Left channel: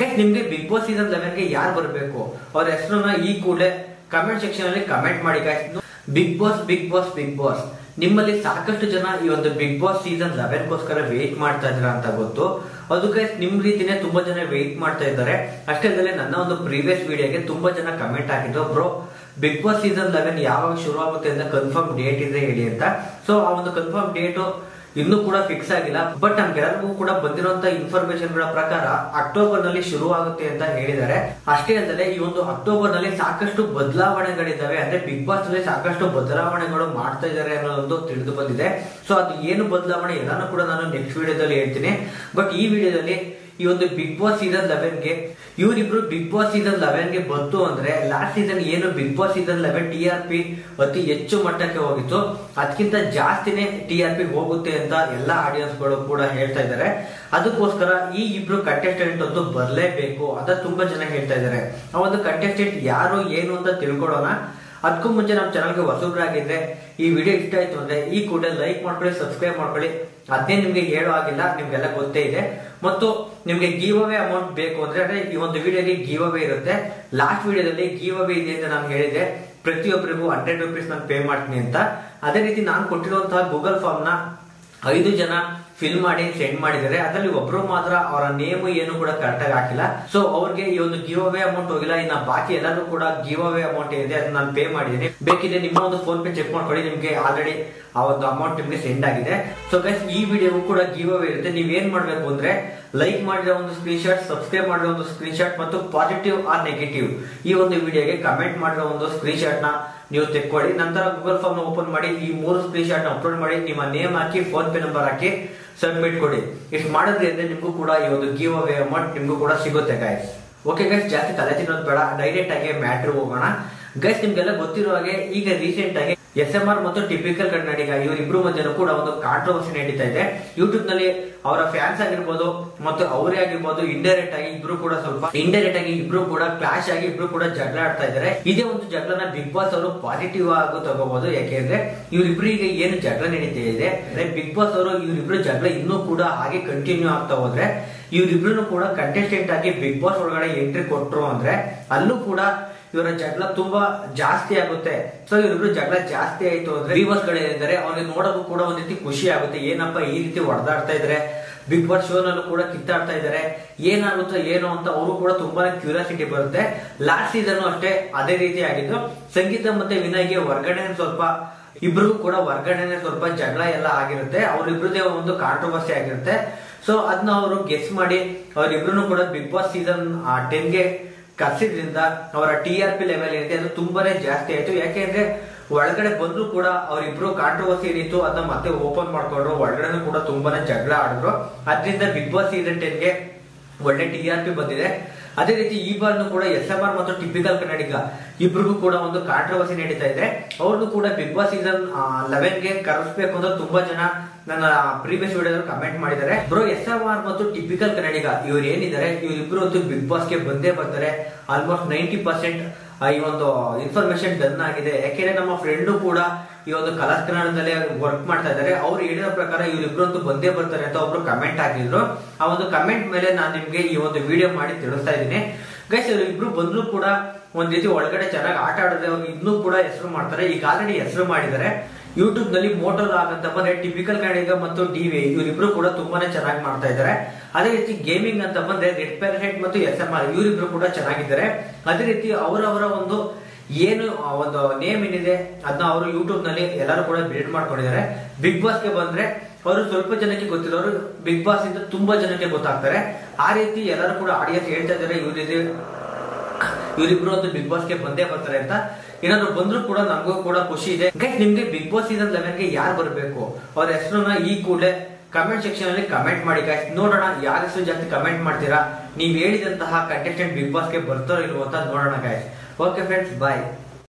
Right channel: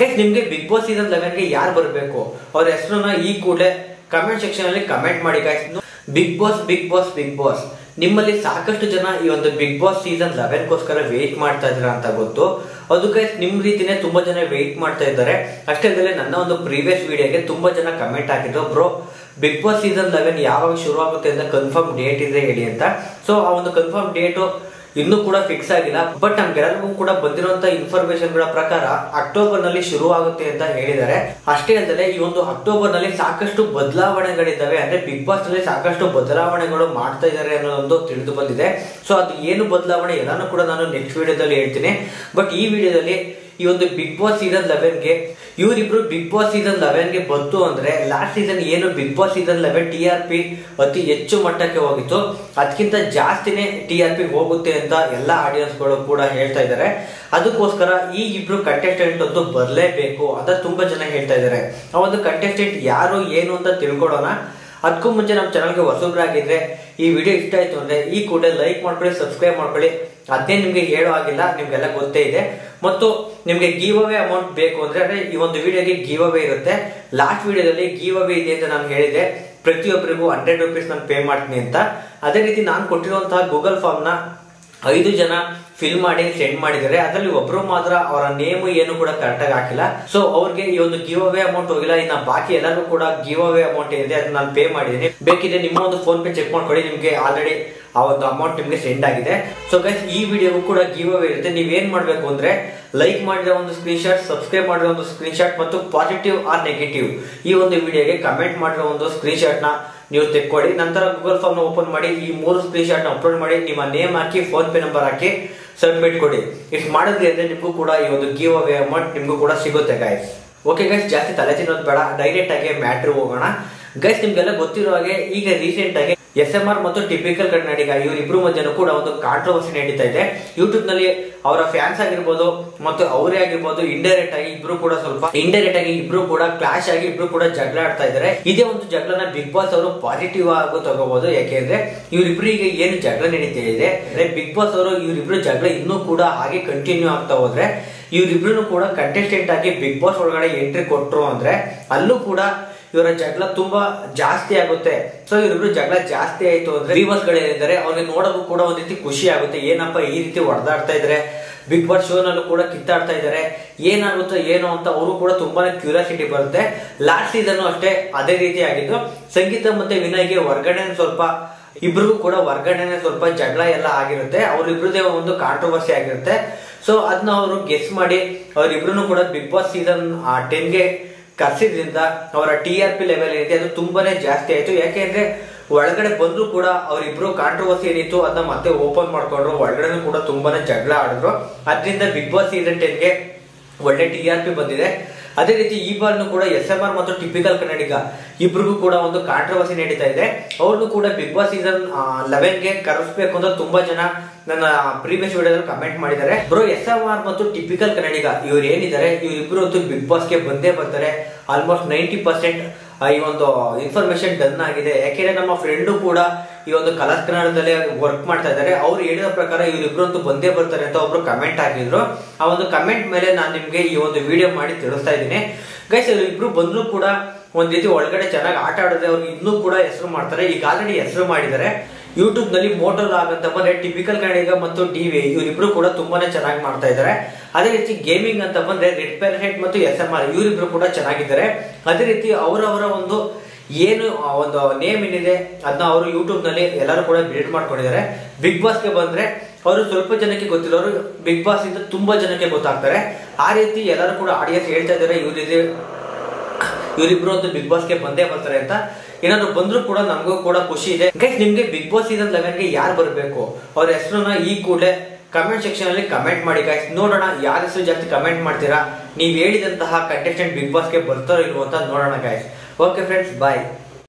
Guys ನಿಮ್ಗೆ big boss season 11 ಗೆ ಯಾರು ಬರಬೇಕು ಅವ್ರ ಹೆಸರನ್ನ ಈ ಕೂಡಲೇ ಕಮೆಂಟ್ ಸೆಕ್ಷನ್ ಅಲ್ಲಿ ಕಮೆಂಟ್ ಮಾಡಿ guys. Bigg Boss Bigg Boss Bigg Boss ನಿಮ್ಮಲ್ಲಿ ಸಾಕಷ್ಟು ಜನ ಈ ಒಂದು ಬಿಗ್ ಬಾಸ್ ಸೀಸನ್ 11 ಗೋಸ್ಕರ ವೇಟ್ ಮಾಡ್ತಾ ಇದ್ರ ಅಂತ ಗೊತ್ತು. ಅದು ಗೈಸ್ ನಿಮ್ ರೀತಿನೇ ತುಂಬಾ ಜನ ವೇಟ್ ಮಾಡ್ತಾ ಇದ್ದಾರೆ. ಅಷ್ಟೇ ಅಲ್ಲದೆ ನನ್ನ ಒಂದು ಪ್ರೀವಿಯಸ್ ವಿಡಿಯೋಗೆ ತುಂಬಾ ಜನ ಕಮೆಂಟ್ ಹಾಕಿದ್ರು, ಬ್ರೋ ಬಿಗ್ ಬಾಸ್ ಸೀಸನ್ 11 ಯಾವಾಗ ಶುರು ಆಗುತ್ತೆ ಅಂತ ಕನ್ಫರ್ಮ್ ಡೇಟ್ ಇದೆ ಹೇಳಿ ಅಂತ. ಸೊ ಆ ಒಂದು ಕನ್ಫರ್ಮ್ ಡೇಟ್ ಇನ್ನೂ ಕೂಡ ಫಿಕ್ಸ್ ಆಗಿಲ್ಲ. ಬಟ್ ನಮ್ಗೆಲ್ಲರಿಗೂ ಕೂಡ ಬಂದಿರುವಂತ ಇನ್ಫಾರ್ಮೇಶನ್ ಗಳ ಪ್ರಕಾರ ಅಕ್ಟೋಬರ್ ನಲ್ಲಿ ಶುರು ಆಗುತ್ತೆ ಅಂತ ಹೇಳಿದ್ದಾರೆ. ಅಷ್ಟೇ ಅಲ್ಲದೆ ಈ ಒಂದು ಅಕ್ಟೋಬರ್ ನಲ್ಲಿ ಸಾಕಷ್ಟು ಬದಲಾವಣೆಗಳಿದ್ದಾವೆ, ಅಂದ್ರೆ ಬಿಗ್ ಬಾಸ್ ನಲ್ಲಿ ಸಾಕಷ್ಟು ಬದಲಾವಣೆಗಳು ಮಾಡ್ತಾ ಇದ್ದಾರೆ ಅನ್ನೋದೊಂದು ತಿಳಿದು ಬಂದಿದೆ. ಸೊ ಅದು ಏನು ಬದಲಾವಣೆ ಎಲ್ಲಾನು ಕೂಡ ನಾನು ನೆಕ್ಸ್ಟ್ ವಿಡಿಯೋದಲ್ಲಿ ಹೇಳ್ತೀನಿ. ಬಟ್ ಈ ವಿಡಿಯೋದಲ್ಲಿ ಈ ಒಂದು ಬಿಗ್ ಬಾಸ್ ಸೀಸನ್ 11 ಗೆ ಇವರಿಬ್ರು ಬಿಗ್ ಬಾಸ್ ಸೀಸನ್ 11 ಗೆ ಬಂತು ಅಂದ್ರೆ ಲಾಸ್ಟ್ ಸೀಸನ್ ಏನು ಬಿಗ್ ಬಾಸ್ ಸೀಸನ್ 11 TRP ಅತಿ ಹೆಚ್ಚು ಮಟ್ಟಕ್ಕೆ ಹೋಗಿತ್ತು, ಅದಕ್ಕಿಂತ ಜಾಸ್ತಿನೇ TRP ಹೋಗುತ್ತೆ ಅಂತ ಎಲ್ಲಾ ಆಡಿಯನ್ಸ್ ಗಳು ಕೂಡ ಹೇಳ್ತಾ ಇದ್ದಾರೆ. ಅದಕ್ಕೋಸ್ಕರ ಈ ಇಬ್ರು ಕಂಟೆಸ್ಟೆಂಟ್ ಅಂತೂ ಬರಲೇಬೇಕು ಅಂತ ತುಂಬಾ ಜನ ಹೇಳ್ತಾ ಇದ್ದಾರೆ. ಆ ಒಂದು ಕಂಟೆಸ್ಟೆಂಟ್ ಯಾರು ಏನು ಅಂತ ತಿಳ್ಕೊಳ್ಳೋಣ. ಅದಕ್ಕೂ ಮುಂಚೆ ನಮ್ಮ ಚಾನಲ್ಗೆ ಹೊಸಬ್ರಾಗಿದ್ರೆ ಈ ವಿಡಿಯೋ ಇಷ್ಟ ಆಯ್ತು ಅಂದ್ರೆ ಈ ಕೂಡಲೇ ಲೈಕ್ ಮಾಡ್ಕೊಳ್ಳಿ, ಸಬ್ಸ್ಕ್ರೈಬ್ ಮಾಡ್ಕೊಳ್ಳಿ. ಅದೇ ನಿಮ್ಗೆ ಹೇಳೋ ಆಗಿಲ್ಲ, ನಿಮ್ಗೆಲ್ಲ ಗೊತ್ತೇ ಇದೆ. ಮತ್ತು ನಿಮ್ಗೆ ಗಿವ್ ಅವೇ ಅಮೌಂಟ್ ಬೇಕು ಅಂದ್ರೆ ಈ ಒಂದು ವಿಡಿಯೋಗೆ ಗಿವ್ ಅವೇ ಇರುತ್ತೆ. ಲಾಸ್ಟ್ ವಿಡಿಯೋದಲ್ಲಿ ಗಿವ್ ಅವೇ ಇದೆ ಅಂತ ನಾನು ಹೇಳಿದೆ, ಪ್ರತಿಯೊಬ್ಬರಿಗೂ 100 ರೂಪೀಸ್ ನಾನು ಪೇ ಮಾಡ್ತೀನಿ ಅಂತ. ಅದೇ ರೀತಿ ನಾನು ಕೊಟ್ಟಿರುವಂತಹ ಗೂಗಲ್ ಫಾರ್ಮ್ ನ 5 ಜನ ಫಿಲ್ ಮಾಡಿ ಸೆಂಡ್ ಮಾಡಿದ್ದಾರೆ. ಅದರಲ್ಲಿ ಒಬ್ರು ಮಾತ್ರ ಅವರ ನೇಮ್ ಏನು ಕೂಡ ಕರೆಕ್ಟ್ ಆಗಿ ಹಾಕಿಲ್ಲ. ಸೊ ಅವ್ರಿಗೆ ಈ ಒಂದು ಗಿವ್ ಅವೇ ಅಮೌಂಟ್ ಹೋಗಿಲ್ಲ. ಇನ್ನ ಬಾಕಿ ಎಲ್ಲರೂ ಕೂಡ ಗಿವ್ ಅವೇ ಅಮೌಂಟ್ ಇದೆ, ಅದನ್ನ ನಾನು ಪೇ ಮಾಡಿದ್ದೀನಿ. ಬೇಕಿದ್ರೆ ನಿಮ್ಮ ಒಂದು ಫೋನ್ ಪೇ ಚೆಕ್ ಮಾಡ್ಕೊಳ್ಳಿ, ನಿಮ್ಗೆ ಆಲ್ರೆಡಿ ಆ ಒಂದು ಅಮೌಂಟ್ ನಿಮ್ಗೆ ಸೆಂಡ್ ಆಗಿದೆ. ಸೊ ಗೈಸ್ ಈ ವಿಡಿಯೋಗೂ ಕೂಡ ಗಿವ್ ಅವೇ ಇರುತ್ತೆ. ನೀವೇನ್ ಮಾಡ್ಬೇಕು ಅಂದ್ರೆ ಲೈಕ್ ಮಾಡಿರೋ ಒಂದು ಸ್ಕ್ರೀನ್ ಶಾಟ್, ಸಬ್ಸ್ಕ್ರೈಬ್ ಮಾಡಿರೋ ಒಂದು ಸ್ಕ್ರೀನ್ ಶಾಟ್ ಮತ್ತು ಪಾಸಿಟಿವ್ ಆರ್ ನೆಗೆಟಿವ್ ಈ ಒಂದು ವಿಡಿಯೋಗೆ ಕಮೆಂಟ್ ಮಾಡಿರೋ ಒಂದು ಸ್ಕ್ರೀನ್ ಶಾಟ್ ನ ನೀವು ತೆಕ್ಕೊಳ್ಳಿ. ನಂತರ ಗೂಗಲ್ ಫಾರ್ಮ್ ನ ಓಪನ್ ಮಾಡಿ ಈ 3 ಸ್ಕ್ರೀನ್ ಶಾಟ್ ನ ಅಪ್ಲೋಡ್ ಮಾಡಿ ನಿಮ್ಮ ನೇಮ್ ಹಾಕಿ ಫೋನ್ ಪೇ ನಂಬರ್ ಹಾಕಿ ಸಬ್ಮಿಟ್ ಕೊಡಿ. ಇಷ್ಟು ಮಾಡಿದ್ರಿ ಅಂದ್ರೆ ನಿಮ್ಗೂ ಕೂಡ ಈ ಒಂದು ಗಿವ್ ಅವೇ ಅಮೌಂಟ್ ನಿಮ್ಗೂ ಕೂಡ ಸಿಗುತ್ತೆ ಗೈಸ್. ಓಕೆ ಗೈಸ್, ಜಾಸ್ತಿ ತಲೆ ತಿನ್ನೋದು ಬೇಡ, ಡೈರೆಕ್ಟ್ ಆಗಿ ಮ್ಯಾಟ್ರ್ ಹೋಗೋಣ. ಗೈಸ್ ನಿಮ್ಗೆಲ್ಲ ಗೊತ್ತಿರೋ ಹಾಗೆ ಈಗ ರೀಸೆಂಟ್ ಆಗಿ SMR ಮತ್ತು ಟಿಪಿಕಲ್ ಕನ್ನಡಿಗ ಇವರಿಬ್ರು ಮಧ್ಯೆ ಕೂಡ ಒಂದು ಕಾಂಟ್ರವರ್ಸಿ ನಡೀತಾ ಇದೆ. ಯೂಟ್ಯೂಬ್ ನಲ್ಲಿ ಅವರ ಫ್ಯಾನ್ಸ್ ಆಗಿರ್ಬೋದು ಮತ್ತು ಅವರೇ ಆಗಿರ್ಬೋದು ಇಂಡೈರೆಕ್ಟ್ ಆಗಿ ಇಬ್ರು ಕೂಡ ಕ್ಲಾಶ್ ಆಗಿ ಇಬ್ರು ಕೂಡ ಜಗಳ ಆಡ್ತಾ ಇದ್ದಾರೆ. ಇದೇ ಒಂದು ಜಗಳನ ಬಿಗ್ ಬಾಸ್ ಅವರು ಪಾಸಿಟಿವ್ ಆಗಿ ತಗೋಬಹುದು. ಯಾಕೆಂದ್ರೆ ಇವರಿಬ್ರಿಗೆ ಏನು ಜಗಳ ನಡೀತಾ ಇದೆ, ಬಿಗ್ ಬಾಸ್ ಅವರು ಇವರಿಬ್ರು ಜಗಳ ಇನ್ನೂ ಕೂಡ ಹಾಗೆ ಕಂಟಿನ್ಯೂ ಆಗ್ತಾ ಹೋದ್ರೆ ಇವರಿಬ್ರು ಕೂಡ ಕಂಟೆಸ್ಟೆಂಟ್ ಆಗಿ ಬಿಗ್ ಬಾಸ್ ಒಳಗಡೆ ಎಂಟ್ರಿ ಕೊಟ್ರು ಅಂದ್ರೆ ಅಲ್ಲೂ ಕೂಡ ಇವರ ಜಗಳ ತುಂಬಾ ಜಾಸ್ತಿ ಆಗುತ್ತೆ. ಸೊ ಇವರಿಬ್ರು ಜಗಳ ಜಾಸ್ತಿ ಆಯ್ತು ಅಂದ್ರೆ ವ್ಯೂವರ್ಸ್ ಗಳಿದ್ದಾರೆ ಅವ್ರಿಗೆ ನೋಡೋದು ಕೂಡ ಒಂದ್ ರೀತಿ ಖುಷಿ ಆಗುತ್ತೆ. ಏನಪ್ಪ ಈ ರೀತಿ ಹೊಡೆದಾಡ್ತಾ ಇದ್ರೆ, ಬಿಗ್ ಬಾಸ್ ಶೋ ನಲ್ಲೂ ಕೂಡ ಕಿತ್ತಾಡ್ತಾ ಇದ್ದಾರೆ, ಏನಾಗುತ್ತೋ ಏನೋ ಅಂತ ಅವರು ಕೂಡ ತುಂಬಾನೇ ಕ್ಯೂರಿಯಾಸಿಟಿ ಬರುತ್ತೆ. ಲಾಸ್ಟ್ ಸೀಸನ್ ಅಷ್ಟೇ ಅದೇ ರೀತಿ ಆಗಿದ್ದು. ಸಂಗೀತ ಮತ್ತೆ ವಿನಯ್ಗೆ ಹೊರಗಡೆ ಇಬ್ರಿಗೂ ಕೂಡ ಹೊರಗಡೆನೆ ಸ್ವಲ್ಪ ಜಗಳ ಎಲ್ಲ ಆಗಿರುತ್ತೆ. ಅವ್ರಿಬ್ರದೇ ಒಂದು ಕಾಂಟ್ರವರ್ಸಿ ಆಗಿರುತ್ತೆ. ಸೊ ಅದನ್ನ ಅವರು ಗೆಸ್ ಮಾಡಿ ಅವರಿಬ್ರು ಕೂಡ ಬಿಗ್ ಬಾಸ್ ಸೀಸನ್ 10 ಗೆ ಕರ್ಸಿದ್ರಿಂದ ಅವರ TRP ಲೆವೆಲ್ ಏನಿದೆ ಅದು ತುಂಬಾನೇ ಜಾಸ್ತಿ ಆಯ್ತು. ಯಾಕೆಂದ್ರೆ ಒಳಗಡೆ ಬಂದ್ರು ಕೂಡ ಅವರಿಬ್ರು ಕಾಂಟ್ರವರ್ಸಿ ಏನಿತ್ತು ಅದನ್ನ ಮತ್ತೆ ಓಪನ್ ಮಾಡ್ಕೊಂಡ್ರು, ಒಳಗಡೆ ಕೂಡ ತುಂಬಾನೇ ಜಗಳ ಆಡಿದ್ರು. ಅದರಿಂದ ಬಿಗ್ ಬಾಸ್ ಸೀಸನ್ 10 ಗೆ ಒಳ್ಳೆ TRP ಬಂದಿದೆ. ಅದೇ ರೀತಿ ಈ ಬಾರ್ನು ಕೂಡ SMR ಮತ್ತು ಟಿಪಿಕಲ್ ಕನ್ನಡಿಗ ಇಬ್ರಿಗೂ ಕೂಡ ಒಂದು ಕಾಂಟ್ರವರ್ಸಿ ನಡೀತಾ ಇದೆ. ಅವ್ರನ್ನು ಕೂಡ ಬಿಗ್ ಬಾಸ್ ಸೀಸನ್ 11 ಗೆ ಕರೆಸ್ಬೇಕು ಅಂತ ತುಂಬಾ ಜನ ನನ್ನ ಪ್ರೀವಿಯಸ್ ವಿಡಿಯೋದಲ್ಲಿ ಕಮೆಂಟ್ ಮಾಡಿದ್ದಾರೆ. ಬ್ರೋ SMR ಮತ್ತು ಟಿಪಿಕಲ್ ಕನ್ನಡಿಗ ಇವ್ರು ಏನಿದ್ದಾರೆ ಇವರಿಬ್ರು ಅಂತೂ ಬಿಗ್ ಬಾಸ್ ಗೆ ಬಂದೇ ಬರ್ತಾರೆ. ಆಲ್ಮೋಸ್ಟ್ 90% ಈ ಒಂದು ಇನ್ಫಾರ್ಮೇಶನ್ ಡನ್ ಆಗಿದೆ. ಯಾಕೆಂದ್ರೆ ನಮ್ಮ ಫ್ರೆಂಡು ಕೂಡ ಈ ಒಂದು ಕಲರ್ಸ್ ಕನ್ನಡದಲ್ಲೇ ವರ್ಕ್ ಮಾಡ್ತಾ ಇದ್ದಾರೆ. ಅವ್ರು ಹೇಳಿದ ಪ್ರಕಾರ ಇವರಿಬ್ರು ಅಂತೂ ಬಂದೇ ಬರ್ತಾರೆ ಅಂತ ಒಬ್ರು ಕಮೆಂಟ್ ಹಾಕಿದ್ರು. ಆ ಒಂದು ಕಮೆಂಟ್ ಮೇಲೆ ನಾನು ನಿಮ್ಗೆ ಈ ಒಂದು ವಿಡಿಯೋ ಮಾಡಿ ತಿಳಿಸ್ತಾ ಇದ್ದೀನಿ. ಗೈಸ್ ಇಬ್ರು ಬಂದ್ರು ಕೂಡ ಒಂದ್ ರೀತಿ ಒಳಗಡೆ ಚೆನ್ನಾಗಿ ಆಟ ಆಡಿದ್ರೆ ಅವ್ರಿಗೆ ಇನ್ನೂ ಕೂಡ ಹೆಸರು ಮಾಡ್ತಾರೆ. ಈಗ ಆಲ್ರೆಡಿ ಹೆಸರು ಮಾಡಿದ್ದಾರೆ. ಯೂಟ್ಯೂಬ್ ನಲ್ಲಿ ಮೋಟೋ ಲಾಗ್ ಅಂತ ಬಂದ್ರೆ ಟಿಪಿಕಲ್ ಕನ್ನಡಿಗ ಮತ್ತು DV ಇವರಿಬ್ರು ಕೂಡ ತುಂಬಾನೇ ಚೆನ್ನಾಗಿ ಮಾಡ್ತಾ ಇದ್ದಾರೆ. ಅದೇ ರೀತಿ ಗೇಮಿಂಗ್ ಅಂತ ಬಂದ್ರೆ ರೆಡ್ ಪ್ಯಾರಸೈಟ್ ಮತ್ತು SMR ಇವರಿಬ್ರು ಕೂಡ ಚೆನ್ನಾಗಿದ್ದಾರೆ. ಅದೇ ರೀತಿ ಅವರವರ ಒಂದು ಏನು ಒಂದು ನೇಮ್ ಏನಿದೆ ಅದನ್ನ ಅವರು ಯೂಟ್ಯೂಬ್ ನಲ್ಲಿ ಎಲ್ಲರೂ ಕೂಡ ಬಿಲ್ಡ್ ಮಾಡ್ಕೊಂಡಿದ್ದಾರೆ. ಬಿಗ್ ಬಾಸ್ ಗೆ ಬಂದ್ರೆ ಅವರು ಸ್ವಲ್ಪ ಜನಕ್ಕೆ ಗೊತ್ತಿರೋರು ಬಿಗ್ ಬಾಸ್ ಇಂದ ತುಂಬಾ ಜನಕ್ಕೆ ಗೊತ್ತಾಗ್ತಾರೆ. ಆ ರೀತಿ ಎಲ್ಲರೂ ಕೂಡ ಆಡಿಯನ್ಸ್ ಹೇಳ್ತಾ ಇದ್ದಾರೆ ಇವರಿಬ್ರು ಒಂದು ಬಿಗ್ ಬಾಸ್ ಗೆ ಬಂದೇ ಬರ್ತಾರೆ ಅಂತ. ಏನಾದ್ರು ಬಂದ್ರು ಕೂಡ ನಮಗೂ ಕೂಡ ಖುಷಿ ಇದೆ. ಗೈಸ್ ನಿಮ್ಗೆ ಬಿಗ್ ಬಾಸ್ ಸೀಸನ್ 11 ಗೆ ಯಾರು ಬರಬೇಕು ಅವ್ರ ಹೆಸರನ್ನ ಈ ಕೂಡಲೇ ಕಮೆಂಟ್ ಸೆಕ್ಷನ್ ಅಲ್ಲಿ ಕಮೆಂಟ್ ಮಾಡಿ ಗೈಸ್. ನೋಡೋಣ ಯಾರ ಹೆಸರು ಜಾಸ್ತಿ ಕಮೆಂಟ್ ಮಾಡ್ತೀರಾ, ನೀವ್ ಹೇಳಿದಂತಹ ಕಂಟೆಸ್ಟೆಂಟ್ ಬಿಗ್ ಬಾಸ್ ಗೆ ಬರ್ತಾರೋ ಇಲ್ವೋ ಅಂತ ನೋಡೋಣ ಗೈಸ್. ಓಕೆ ಫ್ರೆಂಡ್ಸ್, ಬಾಯ್.